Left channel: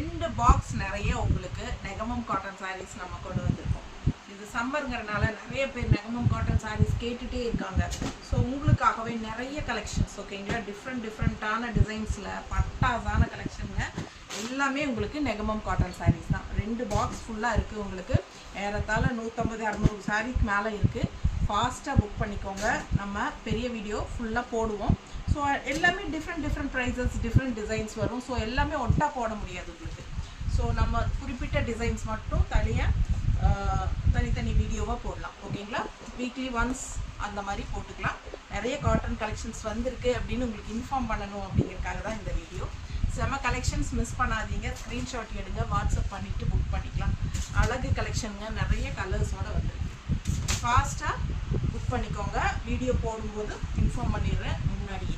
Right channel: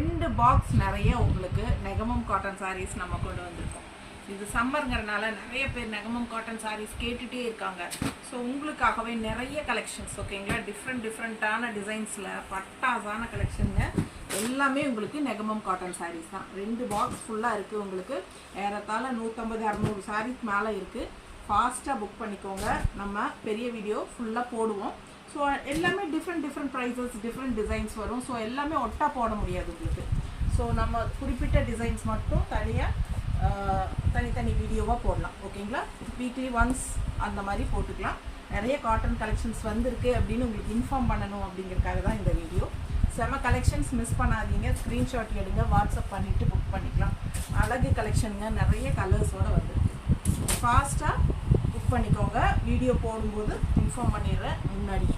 2 box நிறைய உங்களுக்கு Negamam cotton saris நம்ம கொண்டு வந்திருக்கோம். இது சம்மருங்கிறனால நிறைய பேர் நெகமம் காட்டன் சாரீஸ் கேட்டுகிட்டே இருக்காங்க. ஸோ உங்களுக்காகவே நிறைய கலெக்ஷன்ஸ் ஓகேங்களா, டிஃப்ரெண்ட்டான டிசைன்ஸில் பட்டாசான கலெக்ஷனுங்க. எல்லாமே உங்களுக்கு நெகமம் காட்டன் சாரீஸ் தான். 2 பாக்ஸ் ஃபுல்லாக இருக்குது. உங்களுக்கு ஏறத்தாழ 150-200 சாரீஸ் மேலே இருக்குது. ஃபாஸ்ட்டாக புக் பண்ணிக்கோங்க. நம்ம பெரிய வீடியோ ஃபுல்லாக போடுவோம். ஸோ எல்லாமே டிஃப்ரெண்ட் ப்ரைஸஸ், டிஃப்ரெண்ட் டிசைன்ஸ் வரும். ஸோ எல்லாமே ஒட்டா போட முடியாது உங்களுக்கு. ஸோ நம்ம குறிப்பிட்ட டிசைன்ஸ் மட்டும் தனித்தனி வீடியோவாக போடலாம் ஓகேங்களா. வீக்லி ஒன்ஸ் அந்த மாதிரி போட்டுக்கலாம். நிறைய காட்டன் கலெக்ஷன்ஸ் வந்திருக்கு அப்படின்னு உங்களுக்கு இன்ஃபார்ம் பண்ணணும் அப்படிங்கிறதுக்காக தான் இந்த வீடியோ. செம கலெக்ஷன்ஸ் மிஸ் பண்ணாதீங்க. ஸ்க்ரீன்ஷாட் எடுங்க, வாட்ஸ்அப் பண்ணிவிட்டு புக் பண்ணிக்கலாம். அழகு கலெக்ஷனுங்க, நிறைய கலர்ஸோடு வந்துருக்கு. ஃபாஸ்ட்டாக புக் பண்ணிக்கோங்க. வீடியோ போடும்போது இன்ஃபார்ம் பண்ணிடுறேன் முன்னாடி.